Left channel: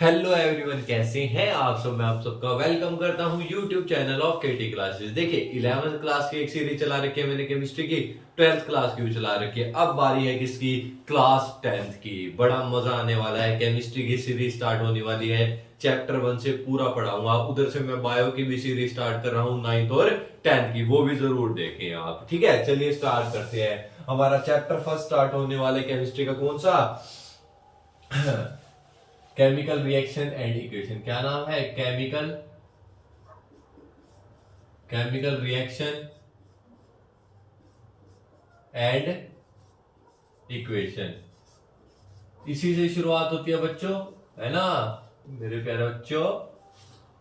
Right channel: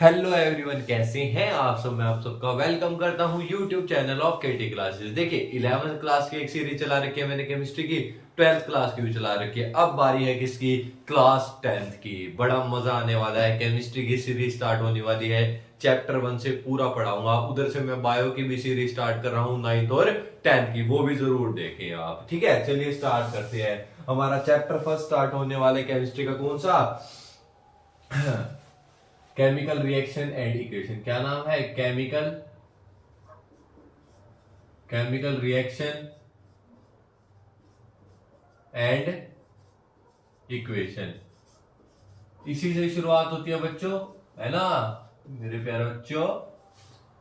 Hello everyone, कैसे हैं आप सब। मैं आप सबका वेलकम करता हूं YouTube channel of KT classes. देखिए 11th क्लास की एक सीरीज चला रखी है मैंने केमिस्ट्री की, 12th क्लास की भी चला रखी है। अब बारी है किसकी? क्लास 10th की। बड़ा मजा आने वाला है, केमिस्ट्री की सीरीज स्टार्ट होने वाली है। चैप्टर 1 से पूरा पढ़ाऊंगा। उधर से मैं बायो की भी सीरीज स्टार्ट कर रहा हूँ 9th और 10th की, वो भी जरूर देखें आप। ठीक है, चलिए स्टार्ट करते हैं। हमारा चैप्टर फर्स्ट स्टार्ट होने वाले केमिस्ट्री का कौन सा? Chemical reaction and equation. क्या नाम है? Chemical reaction and equation. इसी से शुरुआत होती है बच्चों, है ना मेरे प्यारे बच्चों।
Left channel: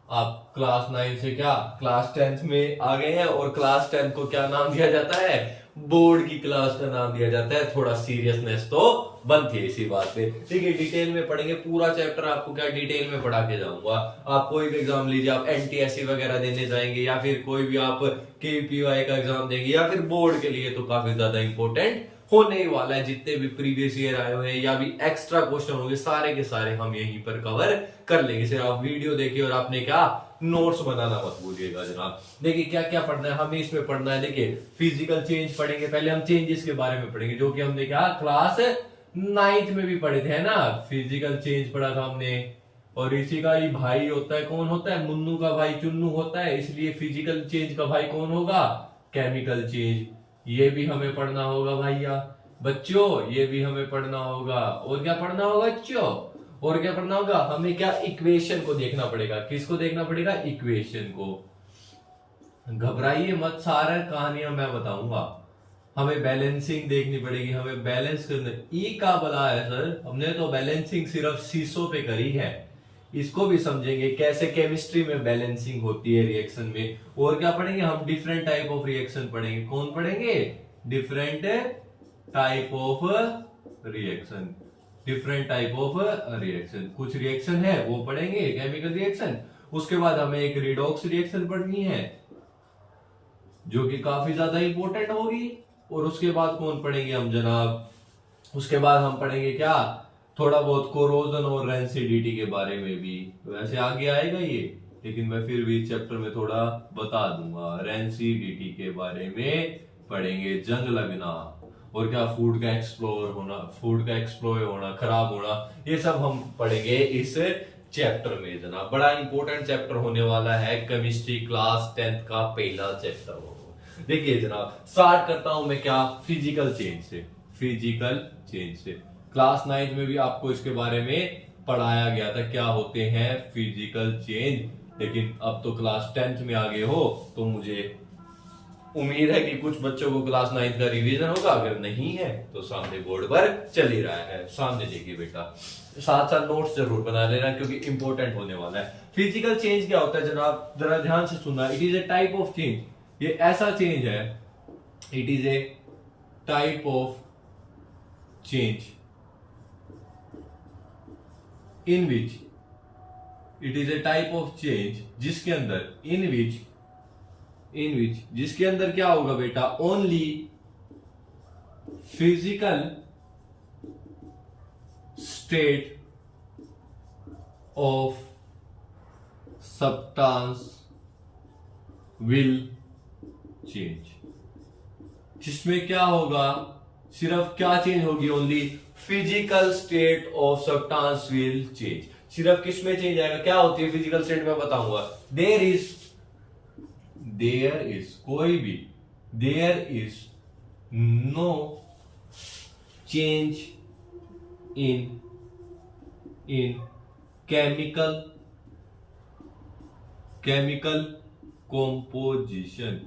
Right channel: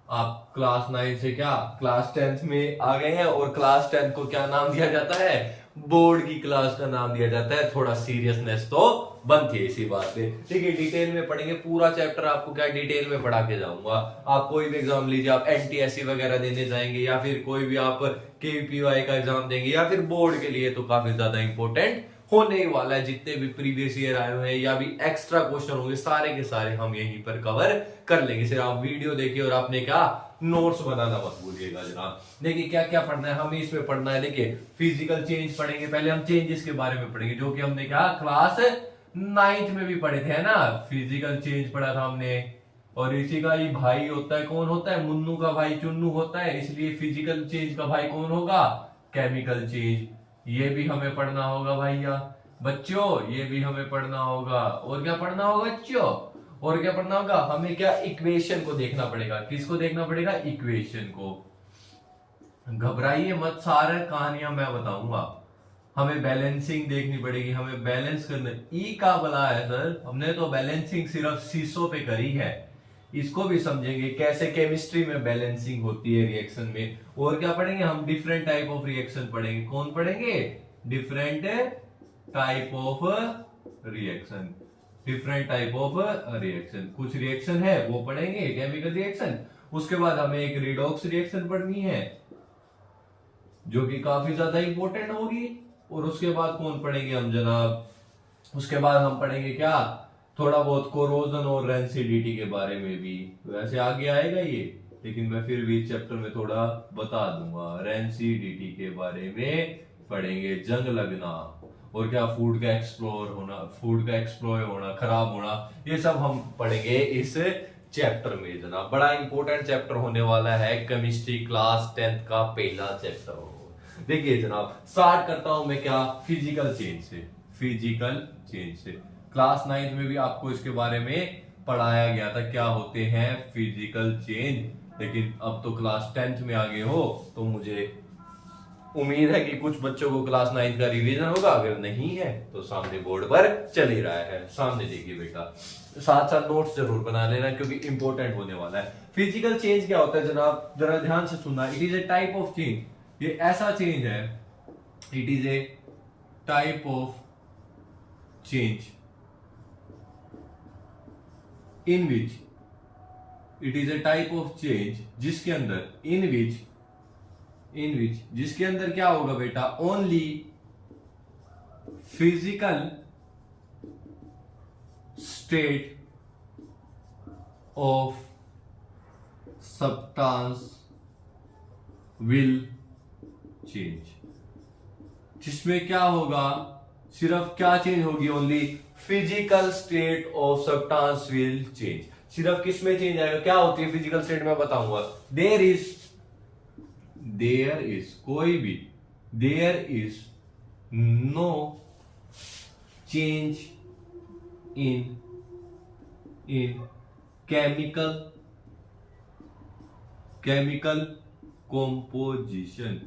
आप क्लास 9 से क्या क्लास 10th में आ गए हैं, और क्लास 10th को क्या नाम दिया जाता है? बोर्ड की क्लास का नाम दिया जाता है। थोड़ा सीरियसनेस तो बनती है इसी बात पे। ठीक है, डिटेल में पढ़ेंगे पूरा चैप्टर। आपको क्या डिटेल में पढ़ा के जाऊंगा। आप कोई भी एग्जाम लीजिए, आप एनटीएससी वगैरह देने जाएंगे या फिर कोई भी आप केपीवाई का एग्जाम देंगे या फिर बोर्ड के लिए, तो काफी ज्यादा इंपॉर्टेंट होने ही वाला है। जितने भी प्रीवियस ईयर आए हुए हैं या भी एक्स्ट्रा क्वेश्चन होंगे, सारे के सारे हम यहीं पर कवर कर लेंगे। सिर्फ आप वीडियो देखिए और आपने क्या नोट्स बनाना मत भूलिएगा जनाब। देखिए क्या क्या पढ़ना है हमें इसमें पढ़ना है। देखिए फिजिकल चेंज पढ़ेंगे। पहले हम चेंजेस के बारे में पढ़ेंगे, जो कि हमने क्या क्लास 9th में भी पढ़े थे, है ना। फिजिकल चेंज पढ़ा था हमने। और इसी का ही भाई होता है, कौन होता है? मुन्नू का भाई चुन्नू होता है, इसलिए फिजिकल चेंज का भाई कौन होगा? Chemical change. ये भी हमें पढ़ना होगा भैया बच्चों, ये भी हमें पढ़ना होगा। और क्या पढ़ना होगा बच्चों? और क्या पढ़ना होगा? हमें क्या इक्वेशन को देखना पड़ेगा। किसको देखना पड़ेगा? इक्वेशन को। घबराइए मत, सारा कहानियां मैं बताऊंगा। हमें बैलेंसिंग देखनी पड़ेगी, हमें बैलेंस करना। ई का बला है सर, हमने तो बैलेंसिंग सिर्फ शीशों पे करी है। इसको भी समझेंगे कैसे केमिस्ट्री में बैलेंसिंग होती है रिएक्शन में। और क्या पढ़ेंगे हम? डिफरेंट टाइप ऑफ रिएक्शन पढ़ेंगे। कौन पढ़ेंगे? Different type of reaction. Different type of reaction, कुछ रिएक्शन है वो पढ़ेंगे केमिकल रिएक्शन। उसके बाद हमें एक रिडॉक्स रिएक्शन पढ़नी है, जो कि काफी ज्यादा इंपॉर्टेंट होगी। और उसके बाद कौन पढ़ेंगे हम जनाब? उसके बाद हम पढ़ेंगे क्या, थोड़ा बहुत कोरोजन और रेंसिडिटी के बारे में भी। वैसे आगे आएगा ये, लेकिन मैं फिर भी इस चैप्टर में थोड़ा बता दूंगा। रेंसिडिटी के बारे में पढ़ेंगे, जंग लगना और क्या फूड का एक्सप्लोर होना, फूड का एक्सप्लोर होना, खराब होना, ये सब हम पढ़ेंगे इस चैप्टर में जनाब। बड़ा इंपॉर्टेंट चैप्टर होने वाला है केमिस्ट्री क्लास 10th का पहला चैप्टर हो। देखिए जनाब, स्टार्ट करता हूं मैं क्या, फिजिकल चेंज से। फिजिकल चेंज से क्लास 9th में भी आपको इसके बारे में पढ़ाया गया था, क्या होते हैं फिजिकल चेंज। लेकिन अब तो क्लास 10th में आ गए हो, तो मुझे उम्मीद है कि कुछ बच्चों को क्लास 9th का रिवीजन होगा। अगर नहीं है तो सामने बोर्ड पर चल ही रहा है, सामने देखिए बेटा। साथ साथ नोट्स जरूर बना लेना, क्योंकि इंपॉर्टेंट होने वाला है। फिजिकल चेंज क्या होता है जनाब, जरा ध्यान से सुनना। It is a type of change, ये ऐसा चेंज है। It is a type of change in which, it is a type of change जिसके अंदर, इन विच जिसके अंदर क्या होगा बेटा, only physical state of substance will change. जिसमें क्या होगा, सिर्फ क्या चेंज होगी? Only physical state of substance will change. सिर्फ किस में चेंज आएगा? क्या होती है फिजिकल स्टेट में बताऊंगा। देयर इज कोई भी, there is no change in chemical composition.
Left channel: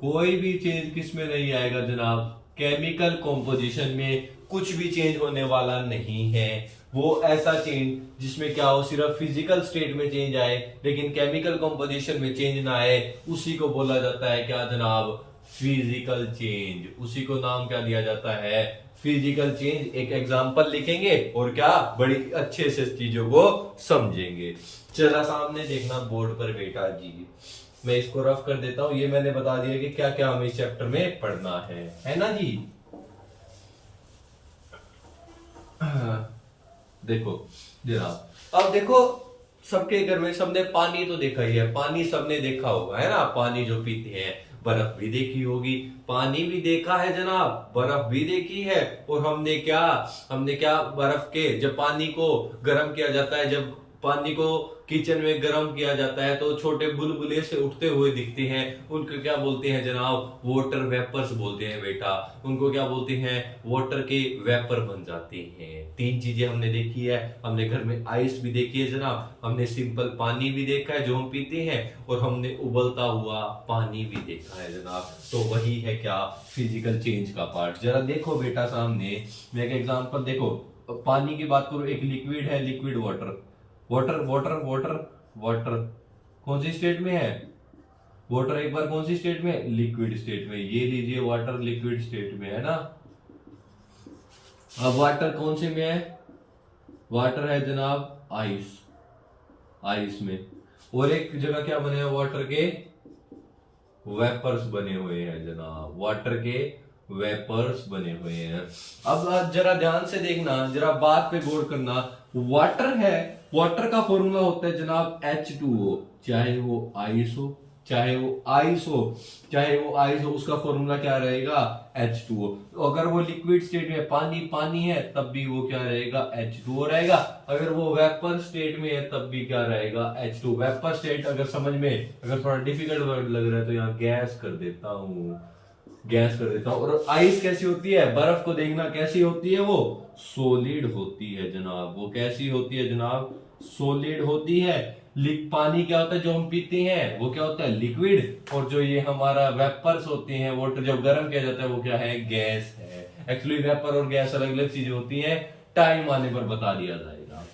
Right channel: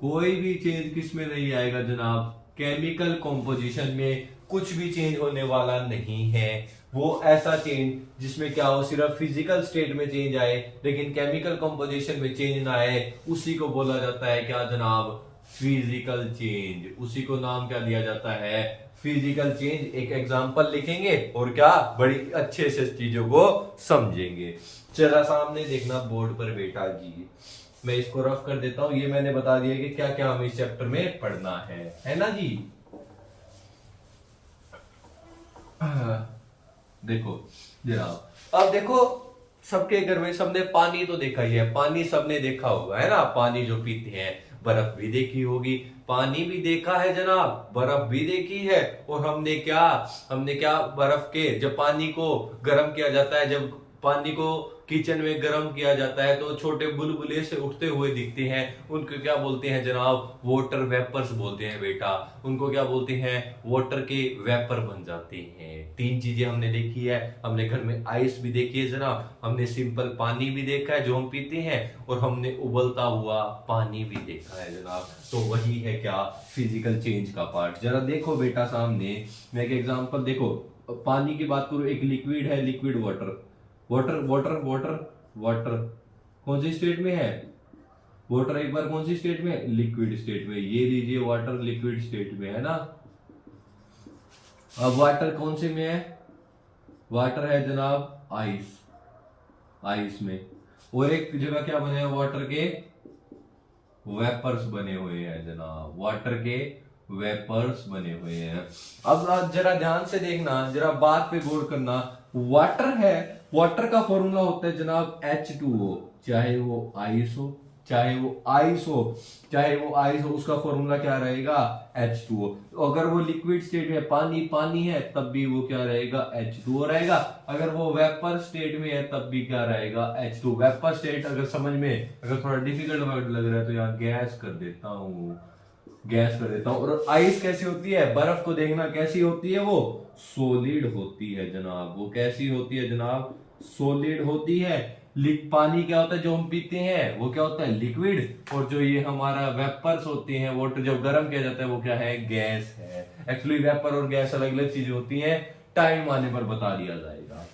कोई भी चेंज किस में नहीं आएगा जनाब? केमिकल कॉम्पोजिशन में कुछ भी चेंज होने वाला नहीं है। वो ऐसा चेंज जिसमें क्या हो, सिर्फ फिजिकल स्टेट में चेंज आए लेकिन केमिकल कंपोजिशन में चेंज ना आए, उसी को बोला जाता है क्या जनाब? Physical change. उसी को नाम क्या दिया जाता है? Physical change. एक एग्जांपल लिखेंगे और क्या बड़ी अच्छे से चीजों को समझेंगे। जरा सामने देखना बोर्ड पर बेटा जी, मैं इसको रफ कर देता हूं। ये मैंने बता दिया कि क्या क्या हमें इस चैप्टर में पढ़ना है ना जी। देखो जनाब, अब देखो सबके घर में सबने पानी तो देखा ही है, पानी सबने देखा होगा है ना, पानी जो पीते हैं, बर्फ भी देखी होगी, पानी भी देखा है जनाब, बर्फ भी देखी है। और हमने क्या बर्फ के, जब पानी को गर्म किया जाता है, जब पानी को किचन में गर्म किया जाता है तो छोटे बुलबुले से उठते हुए दिखते हैं, उनको क्या बोलते हैं जनाब, वाटर वेपर्स बोलते हैं बेटा, उनको क्या बोलते हैं, वाटर के वेपर बन जाते हैं। तीन चीजें हमने देखी है, हमने घर में आइस भी देखी है जनाब, हमने सिंपल पानी भी देखा है जो हम पीते हैं, और हमने उबलता हुआ पानी भी देखा है जनाब। तो वही है क्या, फिजिकल चेंज का पार्ट। जरा देखो बेटा सामने, मैं एक एग्जांपल, देखो पानी की बात करूं, एक लिक्विड है, liquid water, water water water water कौन सी स्टेट में है, वाटर एक बार कौन सी स्टेट में, लिक्विड स्टेट में। ये लीजिए वाटर लिक्विड स्टेट में है ना। अब वाटर कौन से में है, वाटर है जनाब आइस, आइस में। और एक जगह क्या बने हैं, वाटर के वेपर्स बने हुए हैं जनाब, वाटर के वेपर्स बने हुए हैं। अब जरा ध्यान से देखना, जरा बात पे गौर करना, वाटर है, वाटर का फॉर्मूला होता है जनाब H2O, चाहे वो आइस हो, चाहे वो आइस हो, चाहे वो आइस हो, उसका फॉर्मूला क्या रहेगा, H2O। अगर वो लिक्विड स्टेट में पानी पानी है तब भी वो क्या रहेगा, H2O रहेगा। अगर वो वेपर स्टेट में है तब भी क्या रहेगा, H2। वेपर स्टेट अगर समझ में, अगर थोड़ा डिफिकल्ट वर्ड लग रहा है तो यहाँ गैस कर देता हूँ, गैस कर देता हूं। और आइस कैसी होती है, बर्फ को देखना कैसी होती है, वो सॉलिड होती है जनाब। वो कैसी होती है जनाब, सॉलिड होती है। पानी क्या होता है जो हम पीते हैं, वो क्या होता है, लिक्विड। और जो ये हमारा वेपर्स होते हैं, वाटर जब गर्म किया जाता है वो क्या है, गैस है। एक्चुअली वेपर और गैस अलग अलग चीजें होती हैं, टाइम आने पर बता दिया जाएगा,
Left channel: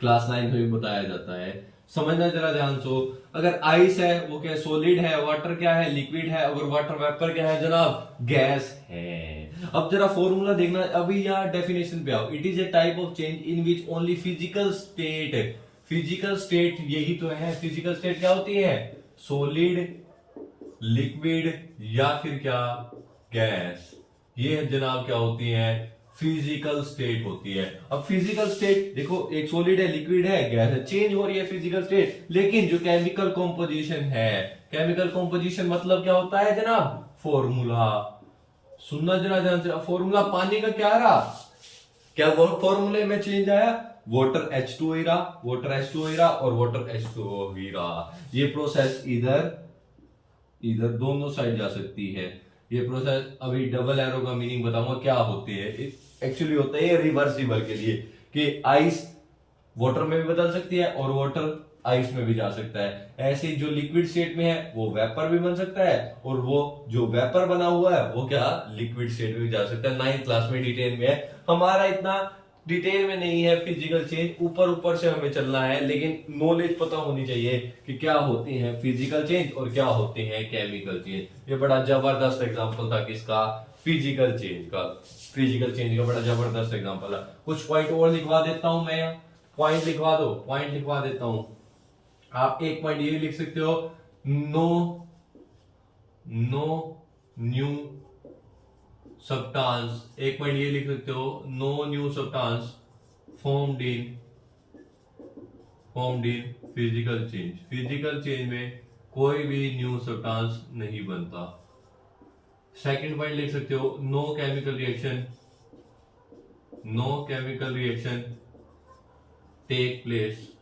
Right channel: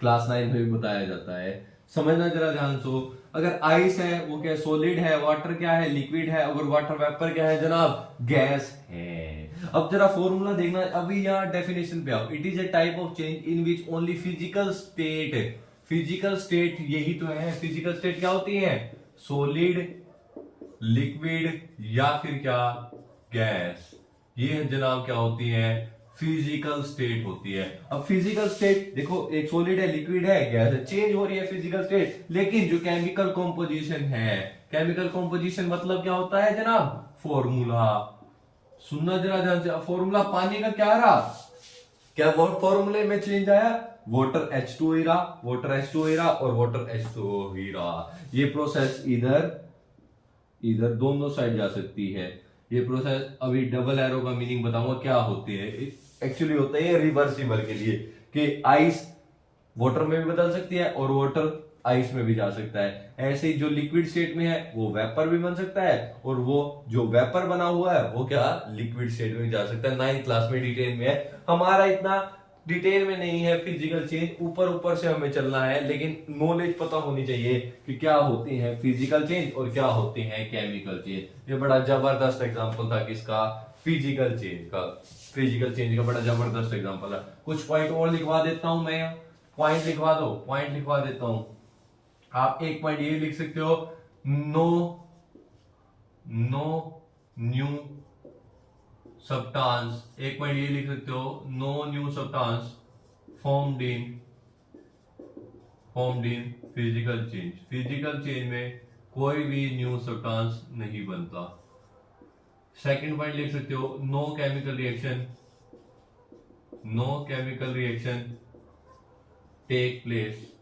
क्लास 9 में भी बताया जाता है। समझना जरा ध्यान से, अगर आइस है वो क्या, सॉलिड है, वाटर क्या है, लिक्विड है, अगर वाटर वेपर क्या है जनाब, गैस है। अब जरा फॉर्मूला देखना, अभी यहाँ डेफिनेशन पे आओ। It is a type of change in which only physical state, physical state यही तो है, फिजिकल स्टेट क्या होती है, सॉलिड, लिक्विड या फिर क्या, गैस। ये जनाब क्या होती है, फिजिकल स्टेट होती है। अब फिजिकल स्टेट देखो, एक सॉलिड है, लिक्विड है, गैस है, चेंज हो रही है फिजिकल स्टेट। लेकिन जो केमिकल कॉम्पोजिशन है, केमिकल कॉम्पोजिशन मतलब क्या होता है जनाब, फॉर्मूला। सुनना जरा ध्यान से, फॉर्मूला पानी का क्या रहा, क्या वो फॉर्मूले में चेंज आया, वाटर H2O ही रहा, वाटर H2O ही रहा, और वाटर H2O ही रहा। ये प्रोसेस इधर दोनों साइड जा सकती है। ये प्रोसेस, अभी डबल एरो का मीनिंग बताऊंगा क्या होती है। एक्चुअली होता है ये रिवर्सिबल के लिए, कि आइस वाटर में भी बदल सकती है और वाटर आइस में भी जा सकता है। ऐसे ही जो लिक्विड स्टेट में है वो वेपर भी बन सकता है, और वो जो वेपर बना हुआ है वो क्या, लिक्विड स्टेट में भी जा सकता है। 9th क्लास में डिटेल में है, हमारा इतना डिटेल में नहीं है फिजिकल चेंज, ऊपर ऊपर से हमें चलना है, लेकिन नॉलेज पता होनी चाहिए कि क्या होते हैं फिजिकल चेंज और क्या होते हैं केमिकल चेंज। ये बड़ा जबरदस्त एग्जांपल था किसका, फिजिकल चेंज का, फिजिकल चेंज का बड़ा जबरदस्त एग्जांपल है। कुछ पॉइंट और लिखवा देता हूं मैं, पॉइंट लिखवा दो, पॉइंट लिखवा देता हूं। आप एक पॉइंट ये लिख सकते हो, नो न्यू सब्सटेंस, एक पॉइंट ये लिख सकते हो, no new substance formed in physical change. Physical change में कोई भी न्यू सब्सटेंस नहीं बनता। सेकंड पॉइंट लिख सकते हो, no chemical reaction take place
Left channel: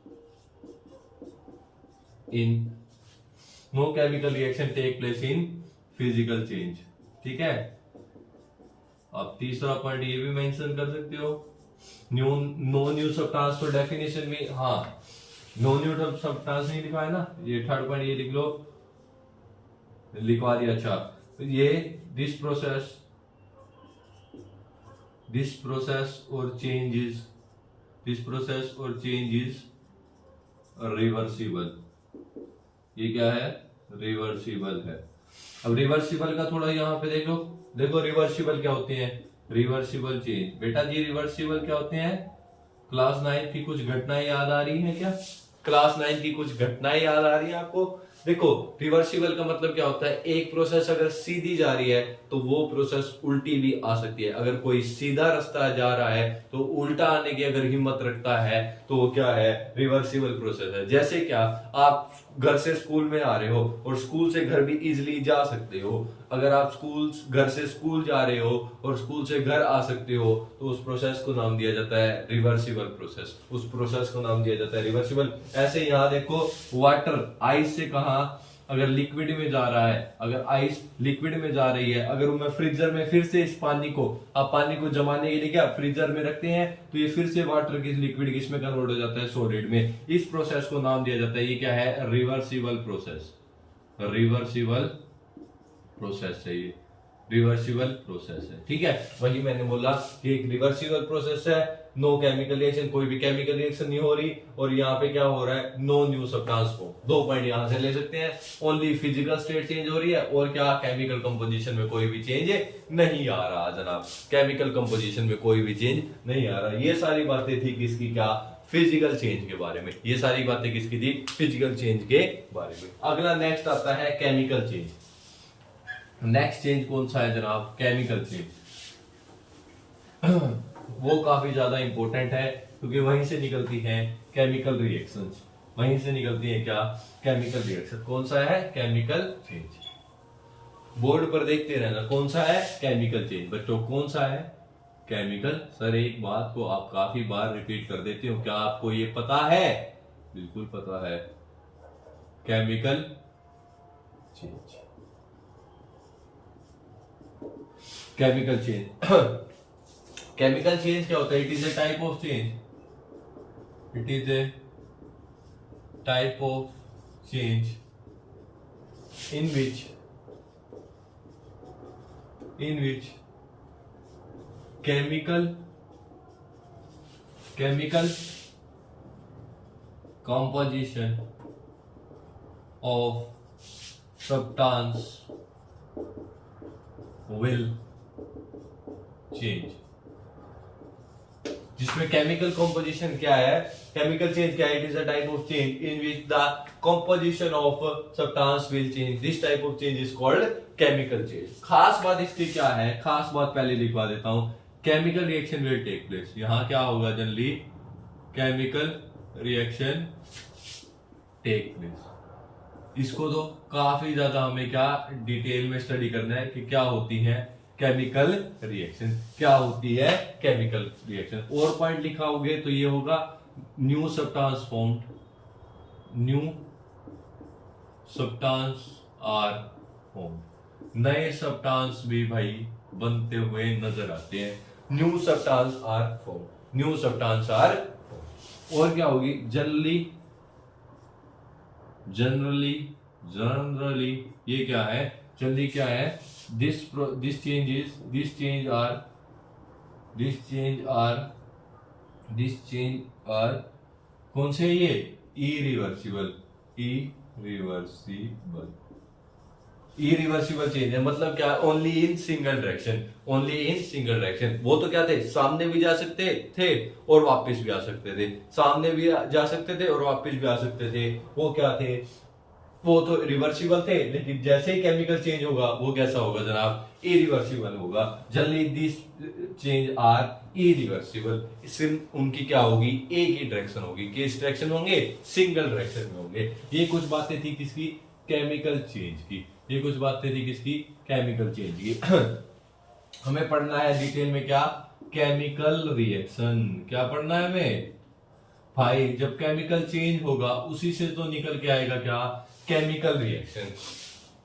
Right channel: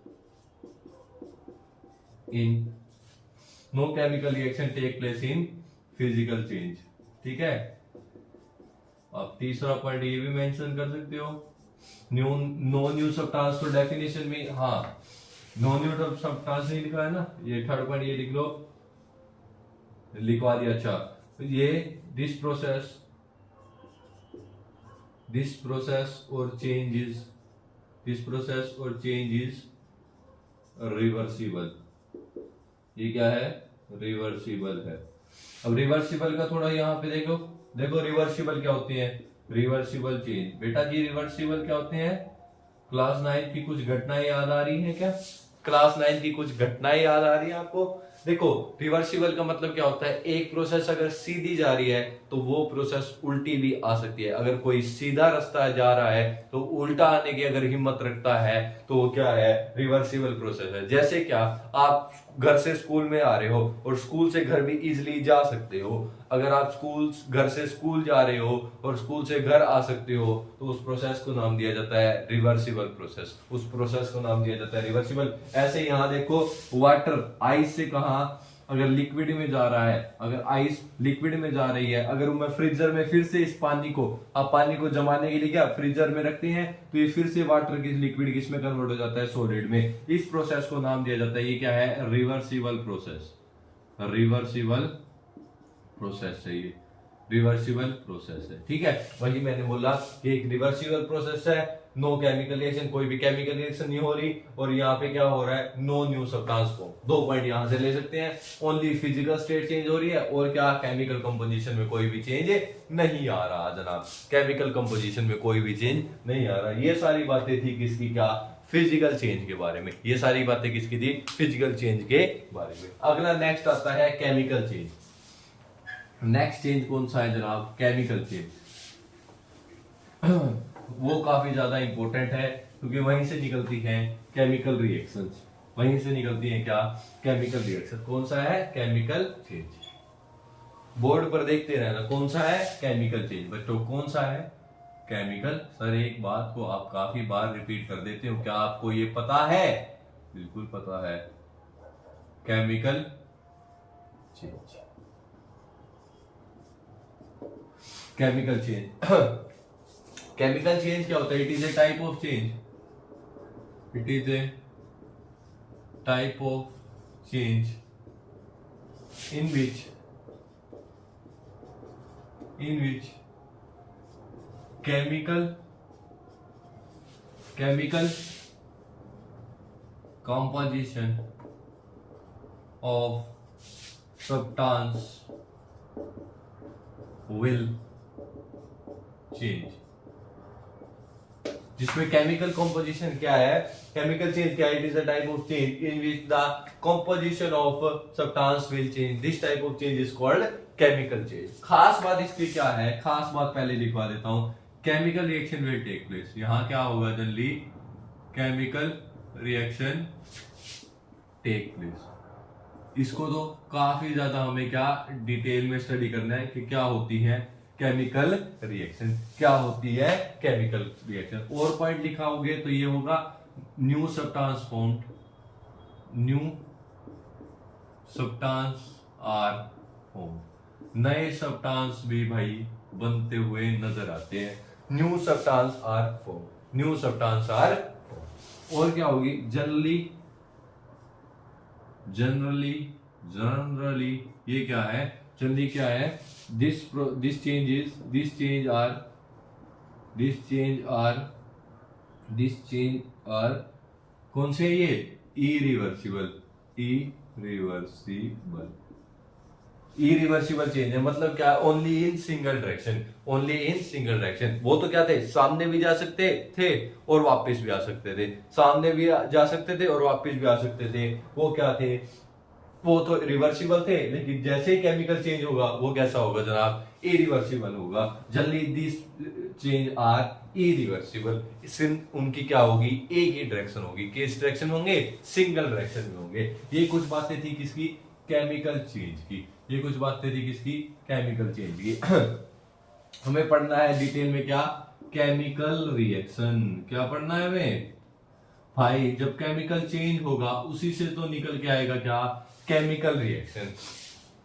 in physical change. ठीक है, अब तीसरा पॉइंट ये भी मेंशन कर सकते हो, नो न्यू सब्सटेंस। तो डेफिनेशन में हाँ, नो न्यू सब्सटेंस नहीं लिखा है ना, ये थर्ड पॉइंट ये लिख लो, लिखवा दिया। अच्छा, तो ये दिस प्रोसेस और चेंज इज रिवर्सिबल। ये क्या है, रिवर्सिबल है। अब रिवर्सिबल का थोड़ा यहाँ पे देखो रिवर्सिबल क्या होती है, रिवर्सिबल चेंज। बेटा जी रिवर्सिबल क्या होते हैं, क्लास 9 की कुछ घटनाएं याद आ रही हैं क्या, क्लास 9 की कुछ घटनाएं याद आ रही हैं आपको। देखो रिवर्सिबल का मतलब क्या होता है, एक प्रोसेस अगर सीधी जा रही है तो वो प्रोसेस उल्टी भी आ सकती है। अगर कोई सीधा रास्ता जा रहा है तो उल्टा आने की अगर हिम्मत रखता है तो वो क्या है, रिवर्सिबल प्रोसेस है। जैसे क्या, आप घर से स्कूल में आ रहे हो और स्कूल से घर भी इजिली जा सकते हो। अगर आप घर से स्कूल जा रहे हो और स्कूल से घर आ सकते हो तो उस प्रोसेस को नाम दिया जाता है रिवर्सिबल प्रोसेस। उस प्रोसेस को नाम दिया जाता है रिवर्सिबल। ऐसे यहाँ देखो, वाटर आइस से कहा अगर लिक्विड में जा रहा है, अगर आइस लिक्विड में जा रही है, अगर मैं फ्रीजर में फिर से इस पानी को, आप पानी को जमाने के लिए क्या फ्रीजर में रखते हैं तो ये फिर से वाटर की लिक्विड किस में कन्वर्ट हो जाता है, सॉलिड में। इस प्रोसेस को नाम दिया जाता है, ये क्या है, रिवर्सिबल प्रोसेस। रिवर्सिबल प्रोसेस है ये, रिवर्सिबल प्रोसेस है। ठीक है, वही मैंने बोला कि एक रिवर्सिबल प्रोसेस है, नो केमिकल रिएक्शन, कोई भी केमिकल रिएक्शन नहीं हो रही, और यहाँ पे क्या हो रहा है, no new substance form. 2 point यहाँ से ले सकते हैं, ओनली फिजिकल स्टेट चेंज हो रही है और क्या, केमिकल कंपोजिशन में कोई भी चेंज नहीं आ रहा जनाब। केमिकल कंपोजिशन में कोई भी चेंज नहीं आ रहा। ये सारी बातें थी किसकी, क्या, फिजिकल चेंज के बारे में। ये सारी बातें किसकी थी, फिजिकल चेंज के बारे में। अगला नेक्स्ट आता है केमिकल चेंज। नेक्स्ट चेंज कौन सा है जनाब, केमिकल चेंज। वो काफी ज्यादा इंपॉर्टेंट है क्योंकि वहीं से निकलती हैं केमिकल रिएक्शंस। वहीं से निकलती हैं क्या, केमिकल रिएक्शन। कौन सा है, केमिकल चेंज। बोर्ड पर देखते रहना कौन सा है, केमिकल चेंज। बच्चों कौन सा है, केमिकल। सर एक बात को आप काफी बार रिपीट कर देते हो, क्या आपको ये पता है, बिल्कुल पता है, chemical change. Chemical change chemical change क्या होता है, it is a type of change. It is a type of change in which chemical composition of substance will change। जिसमें केमिकल कॉम्पोजिशन क्या है, केमिकल चेंज क्या है, it is a type of change in which the composition of substance will change. This type of change is called chemical change. खास बात इसकी क्या है, खास बात पहले लिखवा देता हूं, chemical reaction will take place. यहां क्या होगा generally, chemical reaction take place. इसको तो काफी ज्यादा हमें क्या डिटेल में स्टडी करना है कि क्या होती है केमिकल रिएक्शन, क्या होती है केमिकल रिएक्शन। और पॉइंट लिखाओगे तो ये होगा new substance formed, new substance are formed. नए सब्सटेंस भी भाई बनते हुए नजर आते हैं। New substance are formed, new substance are formed. और क्या होगी, जनरली ये क्या है, जनरली क्या है, this change are कौन से, ये इरिवर्सिबल चेंज है। मतलब क्या, ओनली इन सिंगल डायरेक्शन। वो तो क्या थे, सामने भी जा सकते थे और वापस भी आ सकते थे, सामने भी जा सकते थे और वापस भी आ सकते थे। वो क्या थे, वो तो रिवर्सिबल थे, लेकिन जैसे ही केमिकल चेंज होगा वो कैसा होगा जनाब, इरिवर्सिबल होगा। Generally this change are irreversible. सिर्फ उनकी क्या होगी, एक ही डायरेक्शन होगी। किस डायरेक्शन होंगे, सिंगल डायरेक्शन में होंगे। ये कुछ बातें थी किसकी, केमिकल चेंज की। ये कुछ बातें थी किसकी, केमिकल चेंज की। हमें पढ़ना है डिटेल में क्या, केमिकल रिएक्शन। क्या पढ़ना है हमें भाई, जब केमिकल चेंज होगा उसी से तो निकल के आएगा क्या, केमिकल रिएक्शन।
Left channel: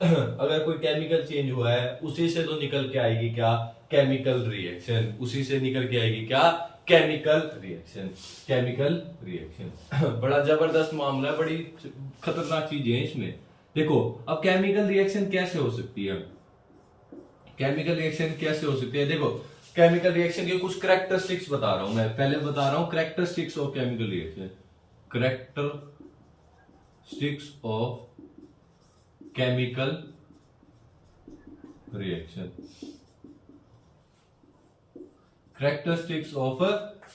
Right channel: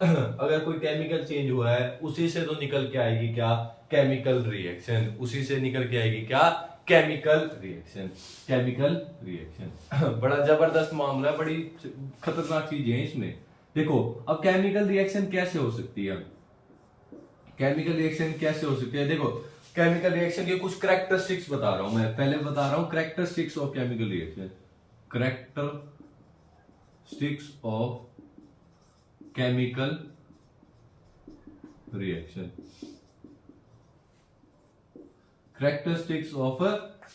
अगर कोई केमिकल चेंज हुआ है उसी से तो निकल के आएगी क्या, केमिकल रिएक्शन। उसी से निकल के आएगी क्या, केमिकल रिएक्शन। बड़ा जबरदस्त मामला है, बड़ी खतरनाक चीज है इसमें। देखो अब केमिकल रिएक्शन कैसे हो सकती है, केमिकल रिएक्शन कैसे हो सकती है। देखो केमिकल रिएक्शन के कुछ कैरेक्टरिस्टिक्स बता रहा हूं मैं, पहले बता रहा हूं characteristics of chemical reaction. Characteristics of chemical reaction, characteristics of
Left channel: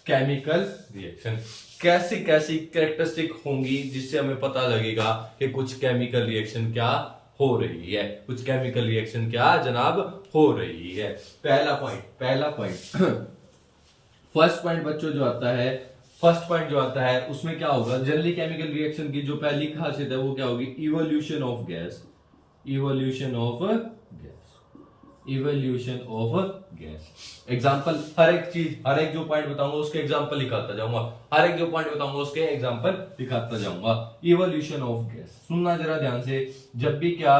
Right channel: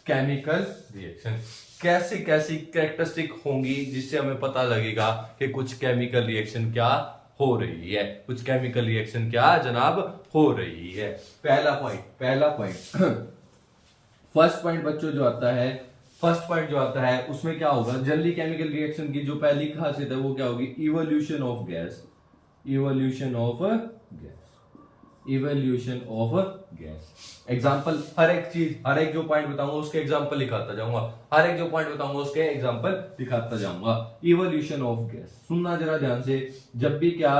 chemical reaction. कैसी कैसी कैरेक्टरिस्टिक होंगी जिससे हमें पता लगेगा कि कुछ केमिकल रिएक्शन क्या हो रही है, कुछ केमिकल रिएक्शन क्या जनाब हो रही है। पहला पॉइंट फर्स्ट पॉइंट बच्चों जो आता है, फर्स्ट पॉइंट जो आता है उसमें क्या होगा, जनरली केमिकल रिएक्शन की जो पहली खासियत है वो क्या होगी, evolution of gas, evolution of gas, evolution of gas. Example, हर एक चीज, हर एक जो पॉइंट बताऊंगा उसके एग्जांपल लिखाता जाऊंगा, हर एक जो पॉइंट बताऊंगा उसके एग्जांपल दिखाता जाऊंगा। इवोल्यूशन ऑफ गैस, सुनना जरा ध्यान से, जब भी क्या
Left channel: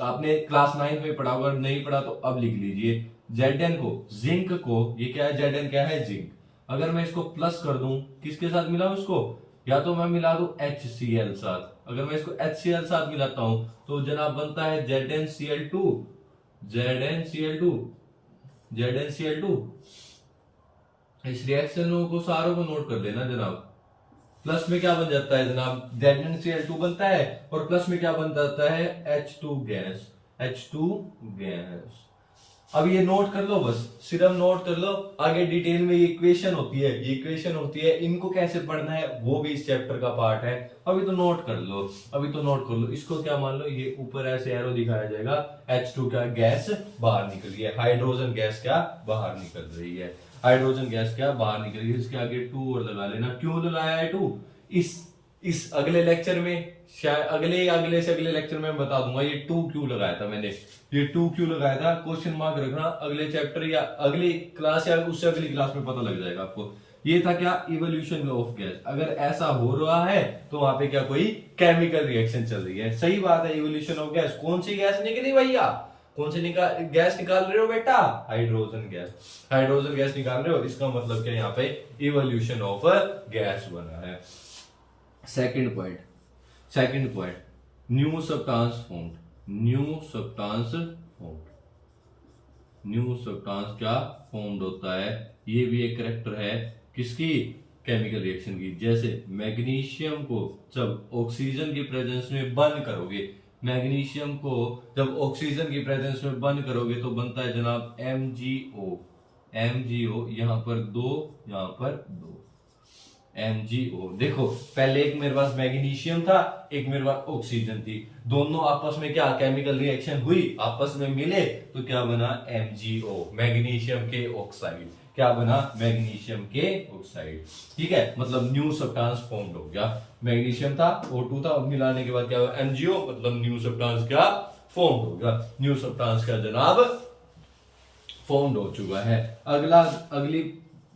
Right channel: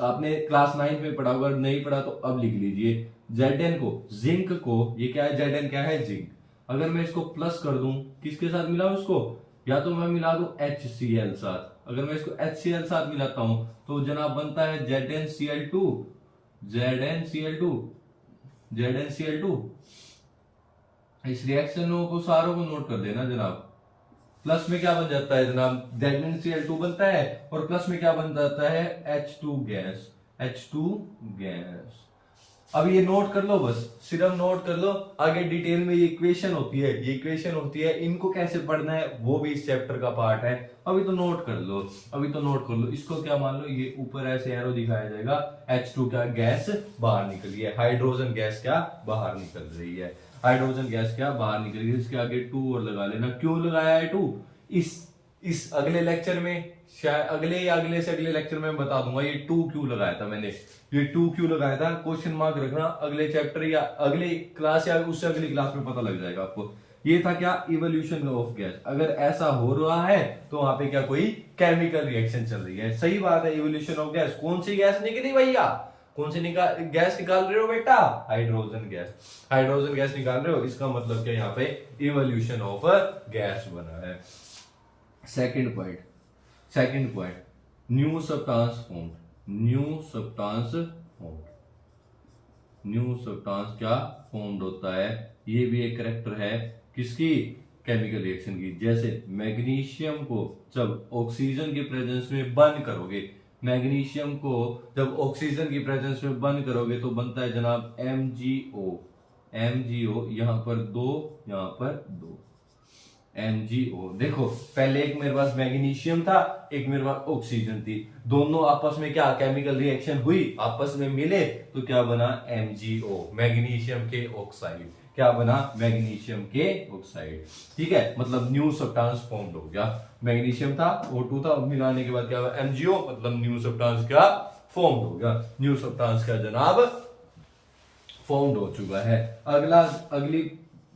आपने क्लास 9 में पढ़ा, अगर नहीं पढ़ा तो अब लिख लीजिए। Zn को, जिंक को, ये क्या है, Zn क्या है, जिंक। अगर मैं इसको प्लस कर दूं, किसके साथ मिलाऊं इसको, या तो मैं मिला दूं HCl साथ। अगर मैं इसको HCl साथ मिलाता हूं तो जनाब बनता है ZnCl2, ZnCl2, ZnCl2। इस रिएक्शन को सारों को नोट कर लेना जनाब। प्लस में क्या बन जाता है जनाब, ZnCl2 बनता है, और प्लस में क्या बन जाता है, H2 गैस, H2 गैस। अब ये नोट कर लो, बस सिर्फ नोट कर लो, आगे डिटेल में ये इक्वेशन होती है, ये इक्वेशन होती है, इनको कैसे पढ़ना है वो भी इस चैप्टर का पार्ट है। अभी तो नोट कर लो, अभी तो नोट कर लो। इसको क्या मान लो, ये ऊपर ऐसे एरो दिखाया जाएगा, H2 क्या गैस बाहर निकल रही है, हाइड्रोजन गैस क्या बाहर निकल रही है, हाइड्रोजन गैस क्या बाहर निकल रही है। इसके आगे 2 और लगा लेना। क्यों लगाया है 2, इस अगले लेक्चर में, शायद अगले से अगले लेक्चर में बता दूंगा ये 2 क्यों लगाया था मैंने, ये 2 क्यों लगाया था, क्वेश्चन मार्क रखना, अगले चैप्टर या अगली क्लास या उससे अगली क्लास में पता लग जाएगा आपको। ये था क्या, इवोल्यूशन ऑफ गैस। अगर ऐसा हो रहा है तो वहां पे क्या कोई केमिकल रिएक्शन चल रही है। सही बात है, इवोल्यूशन ऑफ गैस। कौन सी गैस निकली भैया, कौन सी गैस निकाल रहे हो बेटा, हाइड्रोजन गैस, हाइड्रोजन गैस निकाल रहे हो। इसका मतलब क्या, यहाँ पे इवोल्यूशन ऑफ गैस बना है। Second point, new substance formed, new substance formed, new substance क्या फॉर्म्ड होता है। ये भी एक कैरेक्टर है किसकी, केमिकल रिएक्शन की। जैसे मैग्नीशियम को जब ऑक्सीजन की प्रेजेंस में बर्न करोगे, मैग्नीशियम को जब ऑक्सीजन की प्रेजेंस में बर्न करोगे तो बनता है जनाब MgO, MgO, यहां पर 2, यहां पर 2, MgO। देखो पहले एक मेरे पास मैग्नीशियम था, एक मेरे पास ऑक्सीजन थी, दोनों आपस में क्या केमिकल रिएक्शन हुई, आपस में मिले तो क्या बना, MgO, मैग्नीशियम के ऑक्साइड। क्या बना, मैग्नीशियम के ऑक्साइड। ठीक है, मतलब न्यू सब्सटेंस फॉर्म्ड हो गया। मैग्नीशियम था, O2 था, मिलाने के बाद क्या हुआ, MgO, मतलब न्यू सब्सटेंस क्या फॉर्म्ड हो गया, न्यू सब्सटेंस क्या जनाब फॉर्म्ड हो चुका है। अगली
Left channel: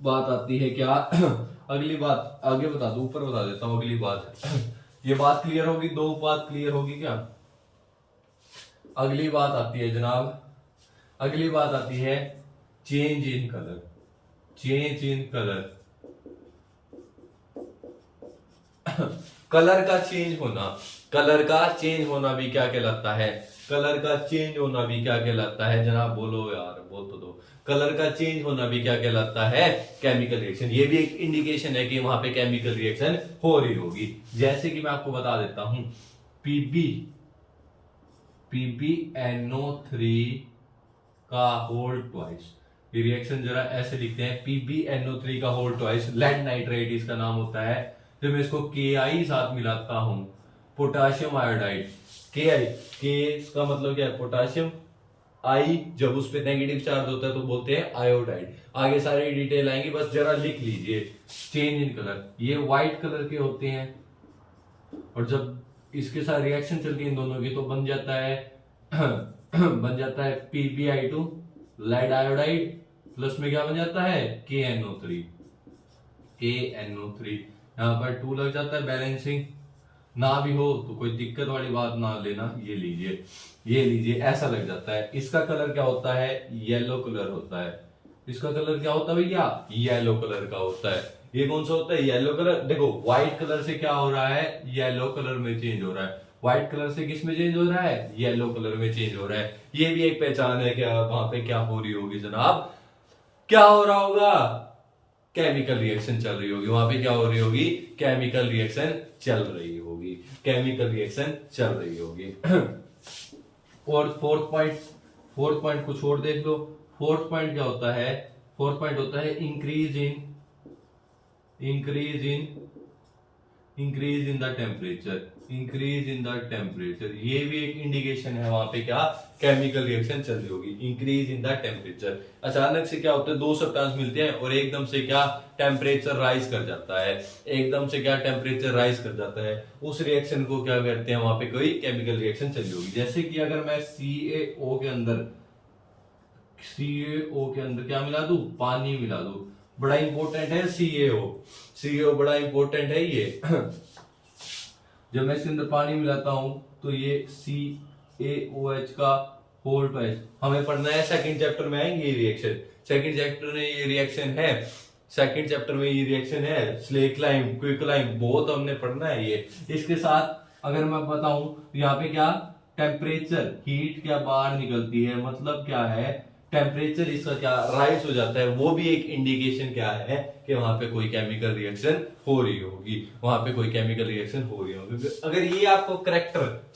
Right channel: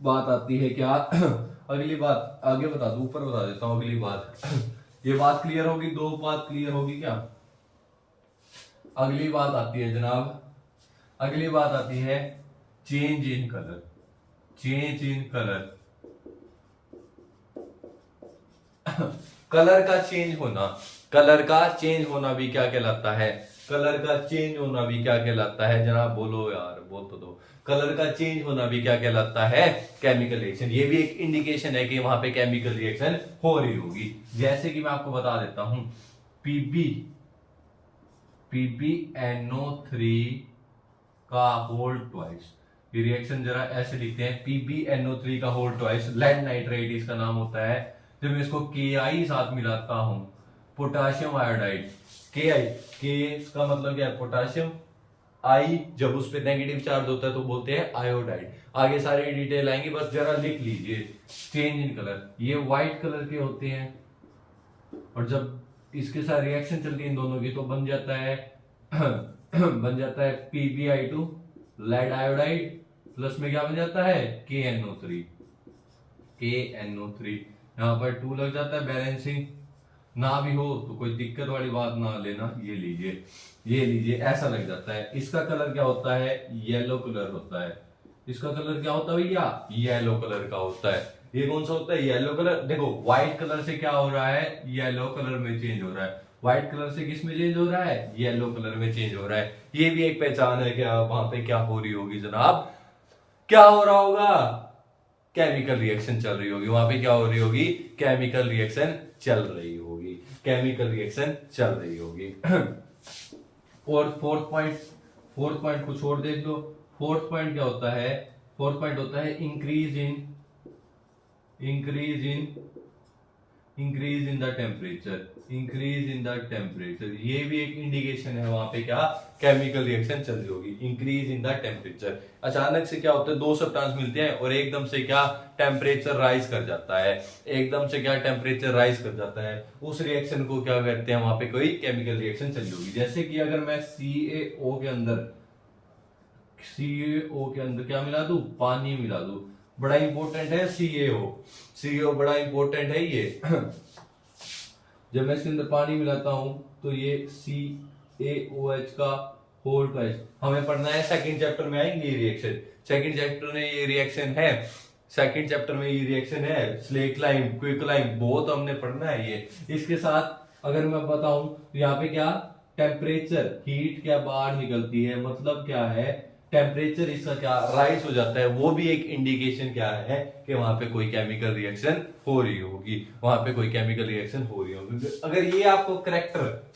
बात आती है क्या अगली बात आगे बता दो, ऊपर बता देता हूं अगली बात ये बात क्लियर होगी, 2 बात क्लियर होगी क्या। अगली बात आती है जनाब, अगली बात आती है change in colour, change in colour colour का चेंज होना, कलर का चेंज होना भी क्या कहलाता है, कलर का चेंज होना भी क्या कहलाता है जनाब, बोलो यार, बोल तो दो। कलर का चेंज होना भी क्या कहलाता है, केमिकल रिएक्शन। ये भी एक इंडिकेशन है कि वहां पे केमिकल रिएक्शन हो रही होगी। जैसे कि मैं आपको बता देता हूं, PbNO3 का होल ट्वाइस, ये रिएक्शन जरा ऐसे लिखते हैं, PbNO3 का होल ट्वाइस, लेड नाइट्रेट इसका नाम होता है। जब मैं इसको Ki साथ मिलाता हूं, पोटाशियम आयोडाइड, Ki इसका मतलब क्या है, पोटाशियम, आई जब उस पर नेगेटिव चार्ज होता है तो बोलते हैं आयोडाइड। आगे सारी डिटेल आएंगी, बस जरा लिख लीजिए। चेंज इन कलर, ये व्हाइट कलर के होते हैं, और जब इसके साथ रिएक्शन चलती है इन दोनों की तो बन जाता है बन जाता है PbI2, लेड आयोडाइड, प्लस में क्या बन जाता है, KNO3, KNO3। यहां पर 2 लग जाता है, बैलेंसिंग ना भी हो तो कोई दिक्कत वाली बात ना लेना, ये लीजिए, ये लीजिए, ऐसा लग जाता है। इसका कलर क्या होता है, येलो कलर होता है। इसका कलर क्या होता है भैया, येलो कलर का होता है। ये कौन सा होता है, येलो कलर। देखो व्हाइट कलर से क्या हो रहा है, येलो कलर में चेंज हो रहा है। व्हाइट कलर से किस में चेंज हो रहा है, येलो कलर में चेंज हो रहा है। ये भी एक पहचान है कि वहां पे क्या हो रही होगी जनाब, क्या हो रहा होगा, केमिकल रिएक्शन चल रही होगी। वहां पे क्या हो रही होगी, केमिकल रिएक्शन चल रही होगी, केमिकल रिएक्शन चल रही होगी। और फोर्थ पॉइंट कुछ और देख लो। फोर्थ पॉइंट क्या होता है, फोर्थ पॉइंट होता है increase in increase in the temperature, ये भी एक इंडिकेशन है वहां पे क्या केमिकल रिएक्शन चल रही होगी। इंक्रीज इन द टेम्परेचर, अचानक से क्या होता है, दो सब्सटेंस मिलते हैं और एकदम से क्या टेम्परेचर राइज कर जाता है, उस रिएक्शन को क्या कहते हैं, वहां पे कोई केमिकल रिएक्शन चल रही होगी। जैसे कि अगर मैं CaO के अंदर क्या मिला दूं, पानी मिला दूं, बड़ा इंपॉर्टेंट है CaO बड़ा इंपॉर्टेंट है ये। जब मैं इसके अंदर पानी मिलाता हूं तो ये CaOH का होल ट्वाइस, हमें पढ़ना है सेकंड चैप्टर में आएंगे ये रिएक्शन, सेकंड चैप्टर में ये रिएक्शन है स्लेक लाइम, क्विकलाइम, बहुत हमने पढ़ना है ये। इसके साथ अगर मैं बताऊं यहाँ पे क्या टेम्परेचर, हीट क्या बाहर निकलती है, मतलब क्या है टेम्परेचर इसका क्या राइज हो जाता है, वो भी एक इंडिकेशन क्या है कि वहां पे कोई केमिकल रिएक्शन हो रही होगी, अगर ये आपको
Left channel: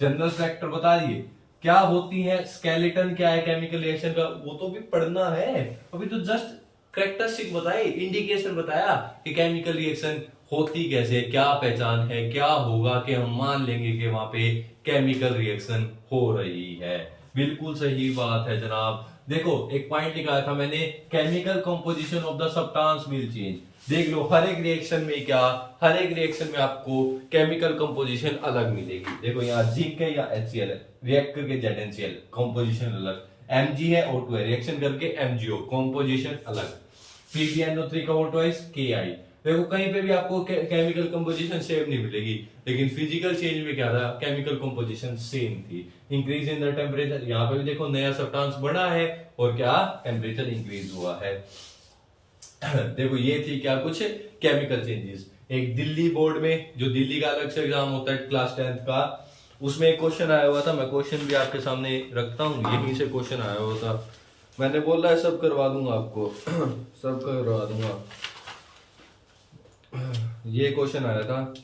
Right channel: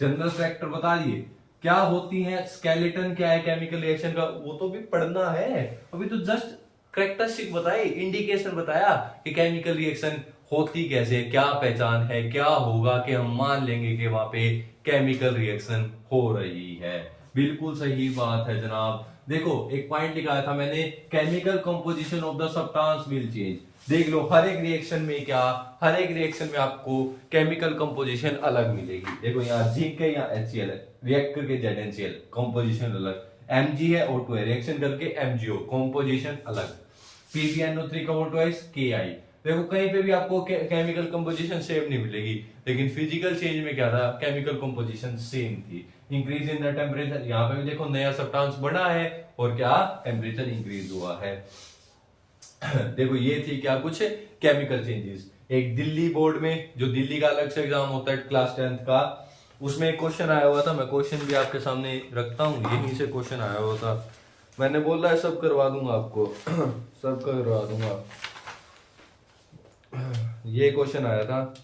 जनरल करैक्टर बता दिए, क्या होती है, स्केलेटन क्या है केमिकल रिएक्शन का, वो तो भी पढ़ना है, अभी तो जस्ट करैक्टरिस्टिक बताए, इंडिकेशन बताया कि केमिकल रिएक्शन होती कैसे, क्या पहचान है, क्या होगा कि हम मान लेंगे कि वहां पे केमिकल रिएक्शन हो रही है। बिल्कुल सही बात है जनाब। देखो एक पॉइंट लिखा था मैंने, chemical composition of the substance will change. देख लो हर एक रिएक्शन में आपको केमिकल कंपोजिशन अलग मिलेगी। देखो यहाँ जिंक है, यहाँ HCl है, रिएक्ट करके ZnCl, कंपोजिशन अलग, Mg है O2 है, रिएक्शन करके MgO, कंपोजिशन अलग, PbNO3 का O2 Ki। देखो कहीं पे भी आपको केमिकल कंपोजिशन सेम नहीं मिलेगी, लेकिन फिजिकल चेंज में क्या था, केमिकल कंपोजिशन सेम थी। इंक्रीज इन द टेम्परेचर, यहाँ पे भी देखो नया सब्सटेंस बना है और क्या टेम्परेचर इंक्रीज हुआ है। देखो ये थी क्या कुछ केमिकल चेंजेस। एक दिल्ली बोर्ड में, जो दिल्ली का अलग से एग्जाम होता है क्लास 10th का, उसमें एक क्वेश्चन आया हुआ था, मैं क्वेश्चन भी आपके सामने रखता हूँ, यहीं से क्वेश्चन आया हुआ था, मैंने बोला है सब करवा दूंगा आपको सब करवा दूंगा। ये क्वेश्चन आया था,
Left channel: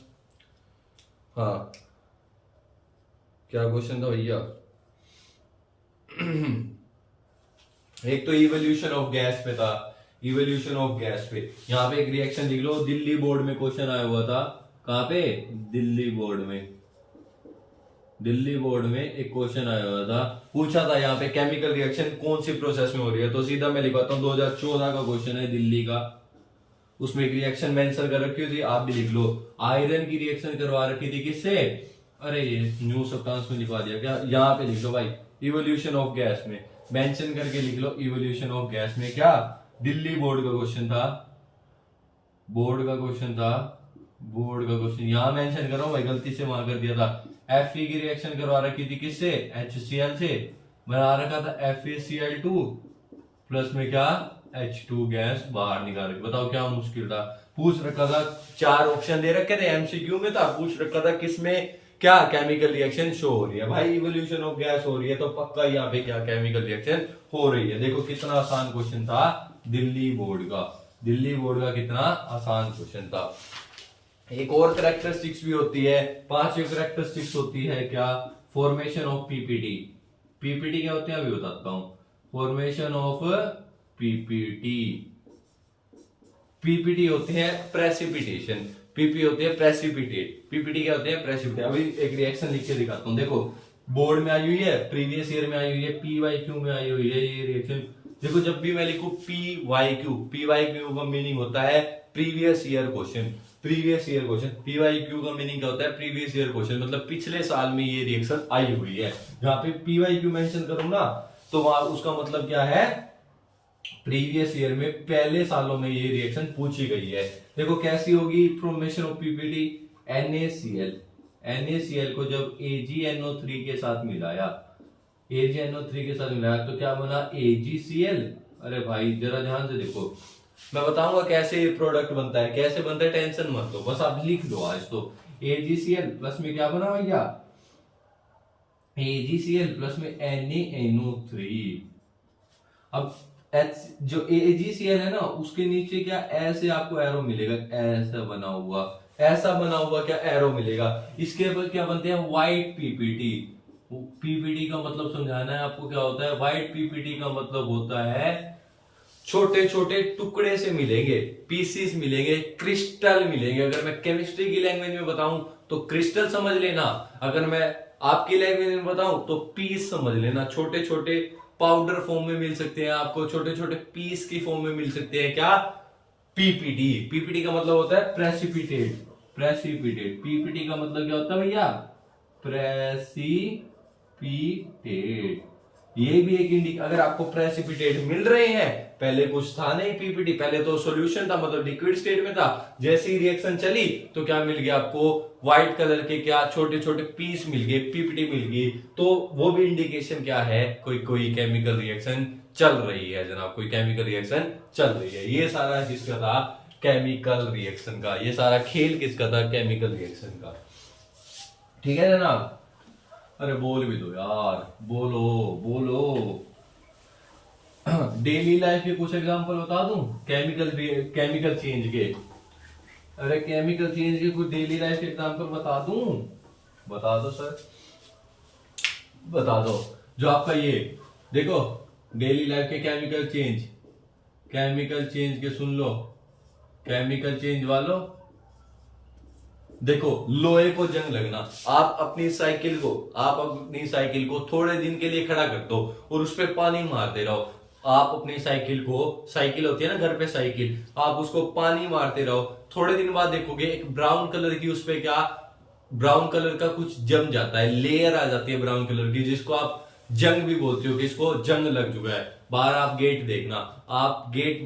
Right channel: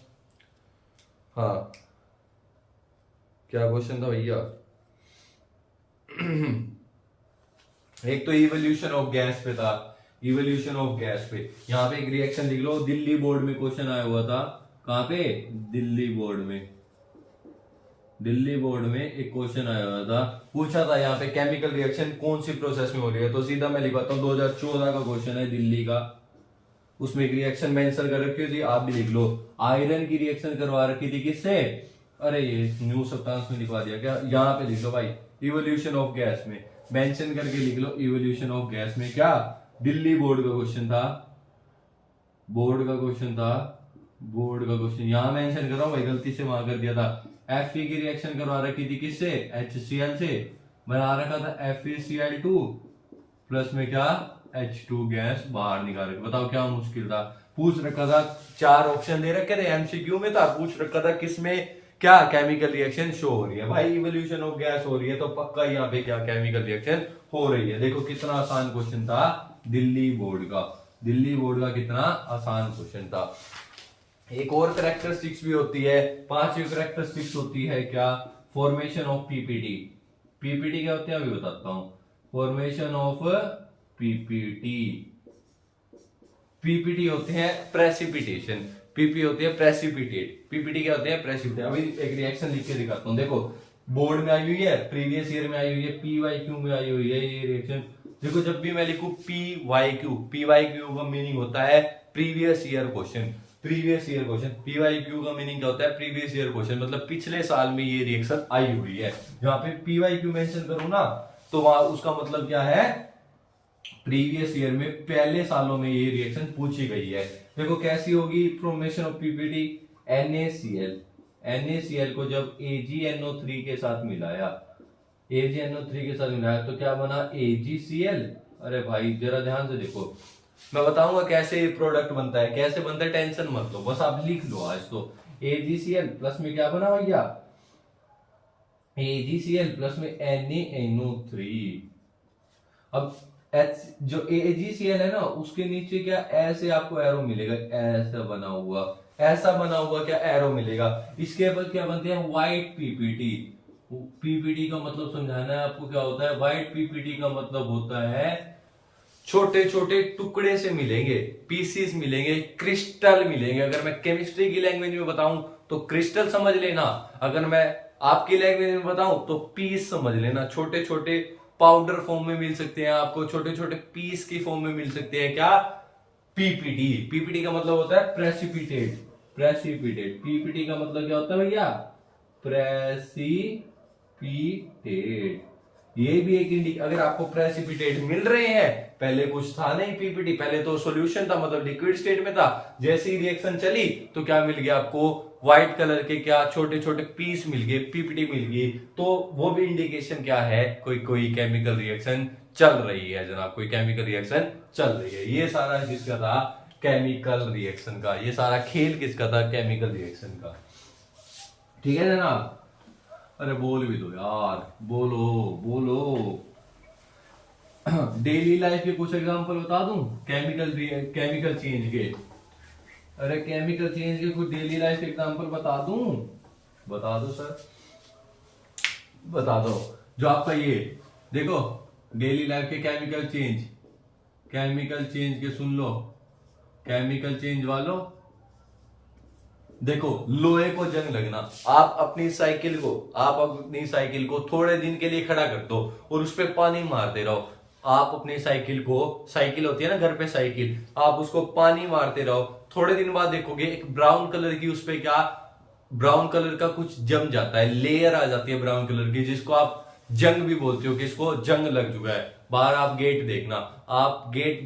हाँ क्या क्वेश्चन था भैया, एक तो इवोल्यूशन ऑफ गैस पे था, यहाँ पे एक रिएक्शन लिख लो, दिल्ली बोर्ड में क्वेश्चन आया हुआ था, कहां पे, दिल्ली बोर्ड में एक क्वेश्चन आया हुआ था, पूछा था यहाँ पे केमिकल रिएक्शन कौन सी प्रोसेस में हो रही है, तो सीधा मैं लिखवाता हूँ 2014 का क्वेश्चन है दिल्ली का, उसमें एक रिएक्शन मेंशन कर रखी थी, आप भी लिख लो, आयरन की रिएक्शन करवा रखी थी किससे, अरे ये न्यू सब्सटेंस में लिखवा दिया क्या, यहाँ पे लिख लो भाई, इवोल्यूशन ऑफ गैस में मेंशन करके लिख लो, इवोल्यूशन ऑफ गैस में क्या, दिल्ली बोर्ड का क्वेश्चन यहाँ मेंशन कर रहा हूँ भाई, गलती से वहां कर दिया था। Fe की रिएक्शन करवा रखी थी किससे, HCl से, बना रखा था FeCl2 प्लस में क्या H2 गैस बाहर निकाल रखी। बताओ क्या मुश्किल था, पूछ रखा था, 4 ऑप्शन दे रखे थे, MCQ में था, पूछ रखा था किसमें क्या केमिकल रिएक्शन शो हो रही है, भाई इवोल्यूशन ऑफ गैस हो रही है तो पक्का यहाँ पे क्या केमिकल रिएक्शन हो रही है। देखो कितना आसान क्वेश्चन था दिल्ली बोर्ड का कितना आसान क्वेश्चन था। एक और कैरेक्टरिस्टिक्स भी होती है, 5 कैरेक्टरिस्टिक्स होती है क्या, फॉर्मेशन ऑफ पीपीटी क्या होते हैं अभी बताता हूं, फॉर्मेशन ऑफ पीपीटी होते हैं प्रेसिपिटेशन, पीपी होती है प्रेसिपिटेट, पीपीटी क्या होते हैं प्रेसिपिटेट। अभी एक रिएक्शन लिख के दिखाता हूं, देखो बोर्ड में आई हुई है, प्रीवियस ईयर में आई हुई है, PYQ में आई हुई है ये रिएक्शन। देखो जब भी मैं लिखूं PYQ का मीनिंग होता है प्रीवियस ईयर क्वेश्चन, PYQ का मीनिंग क्या होता है, प्रीवियस ईयर क्वेश्चन, मतलब पिछले साल में ये रिएक्शन आई हुई है। जहां पे PYQ मेंशन करूं ना तो वहां उसका मतलब क्या है, प्रीवियस ईयर में पहले सालों में ये रिएक्शन पूछी गई है। देखो कैसी होगी फॉर्मेशन ऑफ पीपीटी, NaCl को जब AgNO3 के साथ मिलाया, तो क्या बना AgCl। अरे भाई जरा ध्यान से देखो, मैं बताऊंगा कैसे ये प्रोडक्ट बनता है, टेंशन मत लो, बस आप लिख लो आज तो। AgCl प्लस में क्या बना भैया, AgCl प्लस में NaNO3। अब जो AgCl है ना उसके नीचे क्या ऐसे आपको एरो मिलेगा, ऐसा बना हुआ क्या एरो मिलेगा, इसके ऊपर क्या बनते हैं व्हाइट पीपीटी का मतलब समझाना है आपको क्या होता है, व्हाइट पीपीटी का मतलब होता है छोटे छोटे टुकड़े से मिलेंगे, पीसीस मिलेंगे, क्रिस्टल मिलेंगे। अगर मैं केमिस्ट्री की लैंग्वेज में बताऊं तो क्रिस्टल समझ लेना, अगर मैं आपकी लैंग्वेज में बताऊं तो पीस समझ लेना। छोटे छोटे पाउडर फॉर्म में मिल सकते हैं आपको, छोटे छोटे पीस की फॉर्म में मिल सकते हैं। क्या? पीपीटी। पीपीटी का मतलब होता है प्रेसिपिटेट। प्रेसिपिटेट। पीपीटी का मतलब क्या होता है भैया? प्रेसिपिटेट। ये भी एक अगर आपको प्रेसिपिटेट मिल रहे हैं, पहले कुछ था नहीं पीपीटी, पहले तो सॉल्यूशन था, मतलब लिक्विड स्टेट में था। जैसे ही रिएक्शन चली तो क्या मिल गया आपको? व्हाइट कलर के क्या छोटे छोटे पीस मिल गए, पीपीटी मिल गई। तो वो भी इंडिकेशन क्या है? कोई कोई केमिकल रिएक्शन चल रही है जनाब, कोई केमिकल रिएक्शन चल रही है। ये सारा किसका था? केमिकल रिएक्शन का। ये सारा खेल किसका था? केमिकल रिएक्शन का। ठीक है जनाब? अरे बोल भी दो यार, बोलो बोलो। डेली लाइफ के कुछ एग्जांपल बता दूं केमिकल चेंज के। अरे केमिकल चेंज के कुछ डेली लाइफ के एग्जांपल बता दूं? बता दो सर, बता दो। जो आपका ये देखो डेली लाइफ के केमिकल चेंज के सुन लो। केमिकल चेंज वालों देखो, लोहे को जंग लगना। आप अपनी साइकिल को थोड़े दिन के लिए खड़ा कर दो और उस पर पानी मारते रहो। आप अपनी साइकिल होती है ना घर पे साइकिल, आप उसको पानी मारते रहो। थोड़े दिन बाद देखोगे एक ब्राउन कलर की, उस पे क्या ब्राउन कलर का कुछ जम जाता है, लेयर आ जाती है ब्राउन कलर की, जिसको आप जंग भी बोलते हो, किसको? जंग लग चुका है। बाहर आप गेट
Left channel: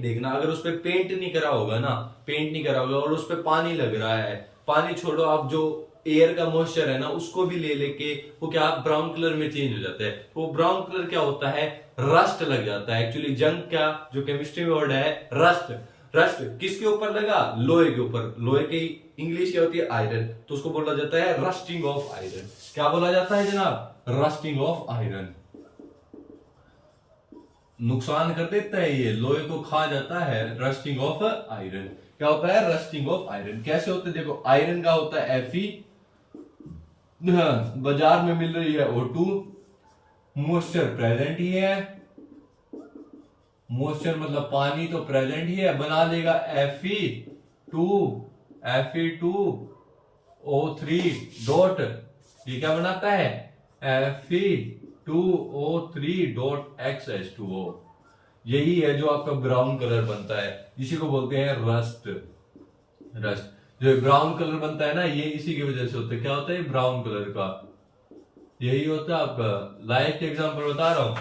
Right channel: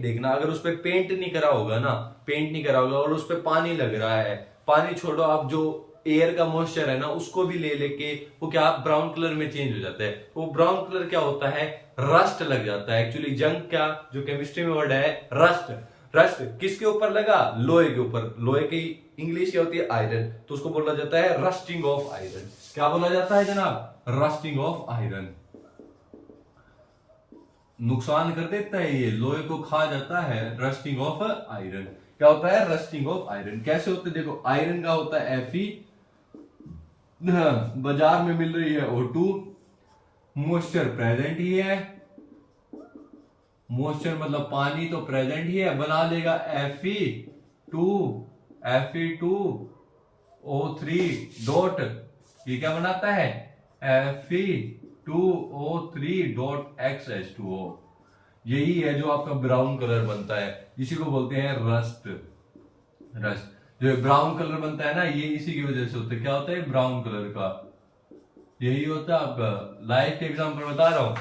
देखना, अगर उस पर पेंट नहीं करा होगा और उस पर पानी लग रहा है, पानी छोड़ो, आप जो एयर का मॉइस्चर है ना उसको भी ले लेके वो क्या ब्राउन कलर में चेंज हो जाता है। तो ब्राउन कलर क्या होता है? रस्ट लग जाता है। एक्चुअली जंग क्या, जो केमिस्ट्री में वर्ड है रस्ट। रस्ट किसके ऊपर लगा? लोहे के ऊपर। लोहे की इंग्लिश क्या होती है? आयरन। तो उसको बोला जाता है रस्टिंग ऑफ आयरन। क्या बोला जाता है जनाब? Rusting of iron. नुकसान कर देता है, ये लोहे को खा जाता है। रस्टिंग ऑफ आयरन क्या होता है? रस्टिंग ऑफ आयरन कैसे होता है? देखो आयरन का होता है Fe, बाजार में मिल रही है O2, मॉइस्चर प्रेजेंट ही है, मॉइस्चर मतलब पानी तो प्रेजेंट ही है, बना लेगा Fe2O3 डॉट, ये क्या बनाता है? Fe2O3 dot XH2O। यही है जो आपका ब्राउन कलर बनता है, इसी को बोलते हैं रस्ट। जो ब्राउन कलर बनता है ना, ये इसी की वजह से होता है। क्या होता है? ब्राउन कलर का यही होता है आपका। लाइफ के एग्जांपल बता रहा हूं।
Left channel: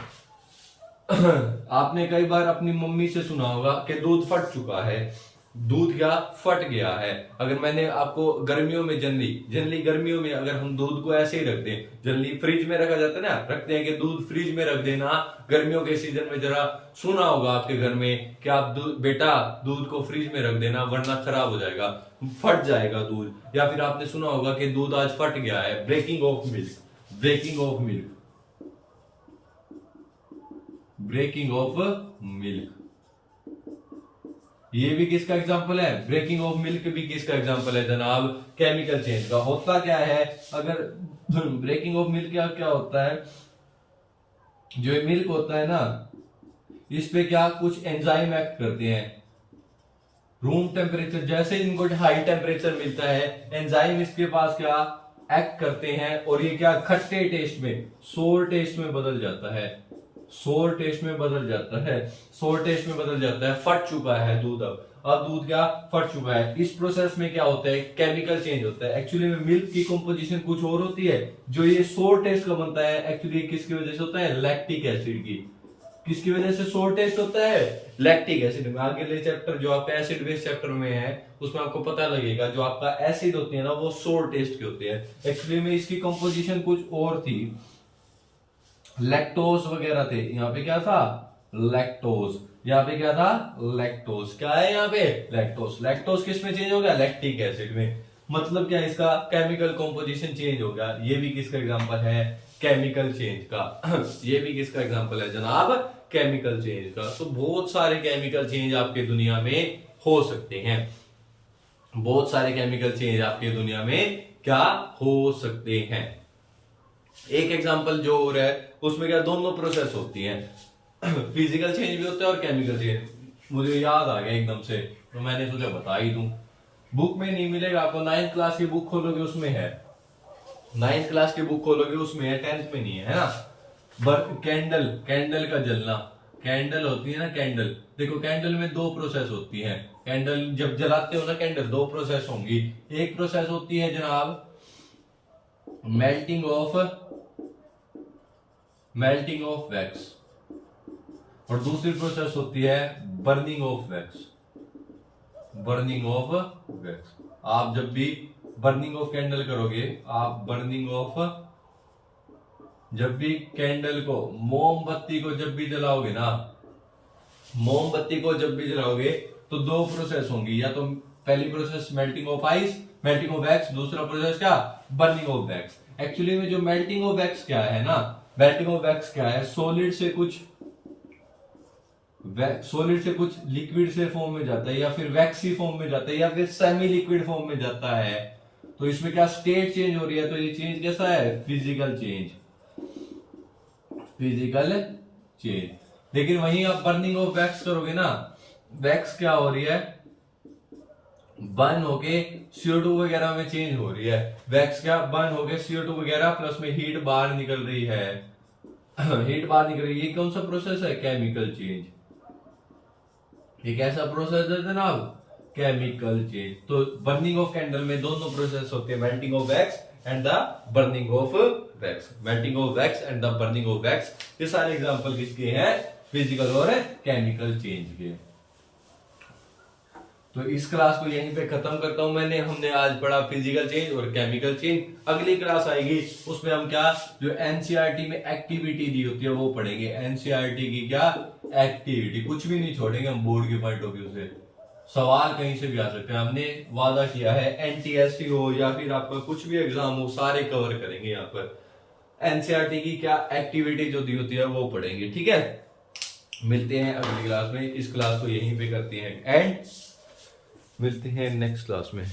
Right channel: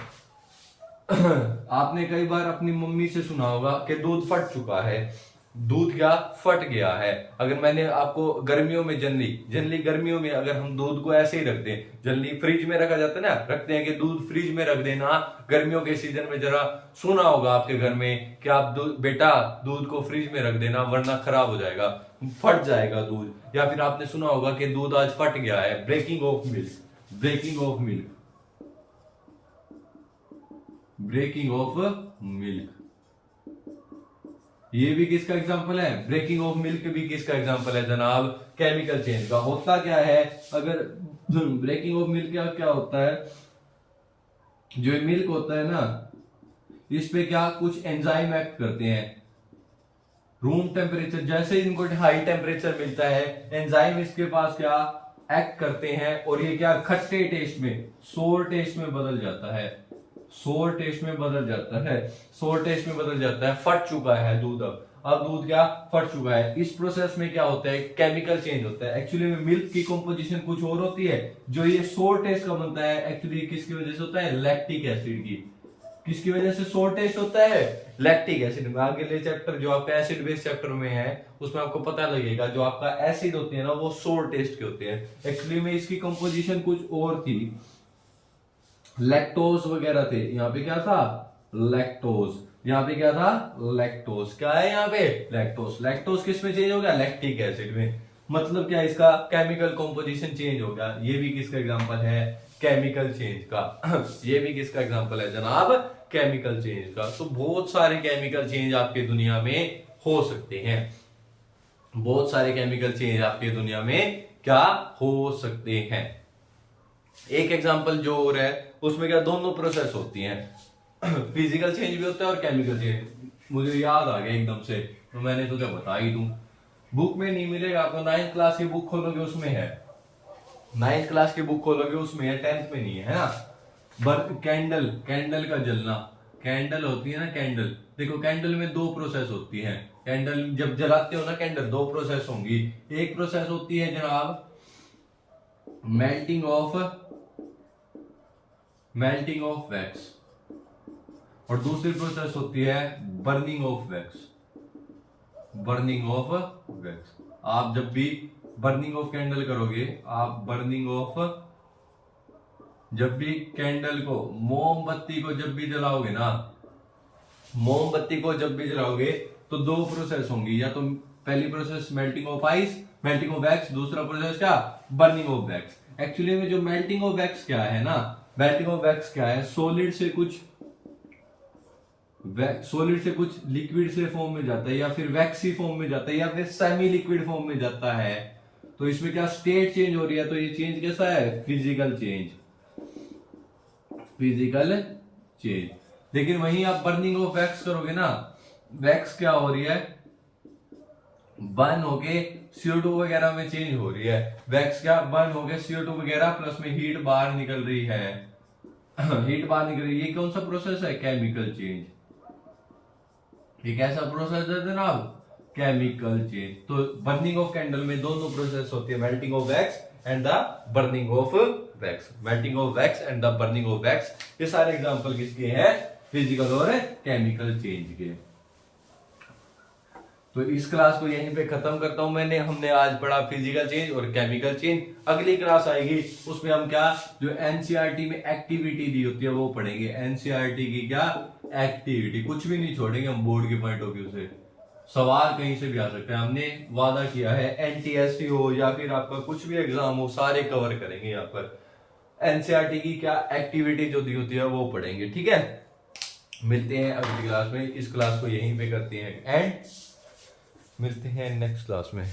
आपने कई बार अपनी मम्मी से सुना होगा कि दूध फट चुका है, दूध क्या फट गया है। अगर मैंने आपको गर्मियों में जनरली गर्मियों में अगर हम दूध को ऐसे ही रख दें, जनरली फ्रिज में रखा जाता है ना, रखते हैं कि दूध फ्रिज में रख देना। गर्मियों के सीजन में जरा सुना होगा आपके घर में कि आप बेटा दूध को फ्रिज में रख देना वरना खराब हो जाएगा, फट जाएगा दूध। या फिर आपने सुना होगा कि दूध आज फट गया है, breaking of milk. Breaking of milk ये भी किसका एग्जांपल है? ब्रेकिंग ऑफ मिल्क भी किसका एग्जांपल है जनाब? केमिकल चेंज का। होता क्या है अगर ब्रेकिंग ऑफ मिल्क क्या होता है? जो मिल्क होता है ना, इस पे क्या कुछ एंजाइम एक्ट करते हैं। रूम टेम्परेचर जैसे ही इनको हाई टेम्परेचर मिलता है, एंजाइम इसके पास क्या एक्ट करते हैं और ये क्या खट्टे टेस्ट में सोर टेस्ट में बदल जाता है। सोर टेस्ट में बदल जाता है। फट चुका है दूध। अब दूध क्या फट चुका है। इस प्रोसेस में क्या होता है? केमिकल चेंज होता है। एक्चुअली में मिल्क की कंपोजिशन कुछ और होती है। जो ये सोर टेस्ट का बनता है एक्चुअली किसकी वजह से होता है? लैक्टिक एसिड की। किसकी वजह से सोर टेस्ट होता है? लैक्टिक एसिड में। आगे चैप्टर जो आपका एसिड बेस चैप्टर में है उसमें आपको पता लगेगा जो आपका एसिड होते हैं ना वो सोर टेस्ट के होते हैं। एक्चुअली में इसकी कंपोजिशन कुछ और थी, लैक्टोज वगैरह थे। यहाँ पे क्या था? लैक्टोज। यहाँ पे क्या था? लैक्टोज। क्या है यहाँ पे? लैक्टोज। लैक्टोज किस में चेंज हो गया? लैक्टिक एसिड में। मतलब क्या इसका केमिकल कंपोजिशन चेंज हो गया। ये भी किसका एग्जांपल है? केमिकल चेंज का। ये भी किसका एग्जांपल है जनाब? केमिकल चेंज का। तो बहुत सारे केमिकल चेंज आपके दुनिया में हो सकते हैं। बहुत सारे केमिकल चेंज आपके दुनिया में क्या हो सकते हैं। एक एग्जांपल जो और है उसमें क्या दोनों प्रोसेस होती हैं, फिजिकल चेंज भी होता है और केमिकल चेंज। मुझे याद आ गया एकदम से, तो मैंने तुझे बता ही दूं। बुक में नहीं मिलेगा आपको, 9th क्लास की बुक खोलोगे उसमें है, 9th क्लास की बुक खोलोगे उसमें है, 10th में नहीं है ना। कैंडल, कैंडल का जलना, कैंडल होती है ना कैंडल, देखो कैंडल में दो प्रोसेस होती हैं। कैंडल जब जलाते हो ना कैंडल, दो प्रोसेस होंगी। एक प्रोसेस होती है जनाब मेल्टिंग ऑफ वैक्स, और दूसरी प्रोसेस होती है burning of wax. Burning of wax, आप जब भी बर्निंग ऑफ कैंडल करोगे, आप बर्निंग ऑफ, जब भी कैंडल को, मोमबत्ती को जब भी जलाओगे ना, मोमबत्ती को जब भी जलाओगे तो दो प्रोसेस होंगी, या तो पहली process melting of ice, melting of wax, दूसरा प्रोसेस क्या, बर्निंग ऑफ वैक्स। एक्चुअली में जो मेल्टिंग ऑफ वैक्स क्या है ना, मेल्टिंग ऑफ वैक्स क्या है, सॉलिड से कुछ लिक्विड से फॉर्म में जाता है, या फिर वैक्सी फॉर्म में जाता है, या फिर सेमी लिक्विड फॉर्म में जाता है। तो इसमें क्या स्टेट चेंज हो रही है, तो ये चेंज कैसा है, फिजिकल चेंज, फिजिकल चेंज। लेकिन वहीं आप बर्निंग ऑफ वैक्स करोगे ना, वैक्स क्या हो रही है, बर्न होके CO2 वगैरह में चेंज हो रही है। वैक्स क्या बर्न होके CO2 वगैरह प्लस में हीट बाहर निकल रही है हीट बाहर निकल रही है। ये कौन सा प्रोसेस है, केमिकल चेंज। ये कैसा प्रोसेस है जनाब, केमिकल चेंज। तो बर्निंग ऑफ कैंडल में दोनों प्रोसेस होती है, melting of wax and the burning of wax, melting of wax and the burning of wax. ये सारे एग्जांपल किसके हैं, फिजिकल और केमिकल चेंज के। तो इस क्लास को यहीं पे खत्म करता हूं मैंने। हमने आज पढ़ा फिजिकल चेंज और केमिकल चेंज। अगली क्लास आएगी उसमें हम क्या, जो एनसीईआरटी में एक्टिविटी दी होती है वो पढ़ेंगे। एनसीईआरटी की क्या एक्टिविटी, कुछ भी नहीं छोड़ेंगे हम बोर्ड के पॉइंट ऑफ व्यू से। सवाल कहीं से भी आ सकते हैं, हमने वादा किया है एनटीएससी हो या फिर आपका कुछ भी एग्जाम हो, सारे कवर करेंगे यहाँ पर। एनसीईआरटी की क्या एक्टिविटी जो दी होती है वो पढ़ेंगे, ठीक है। मिलते हैं अगली क्लास में। इस क्लास को यहीं पे करते हैं एंड मिलते हैं नेक्स्ट क्लास में।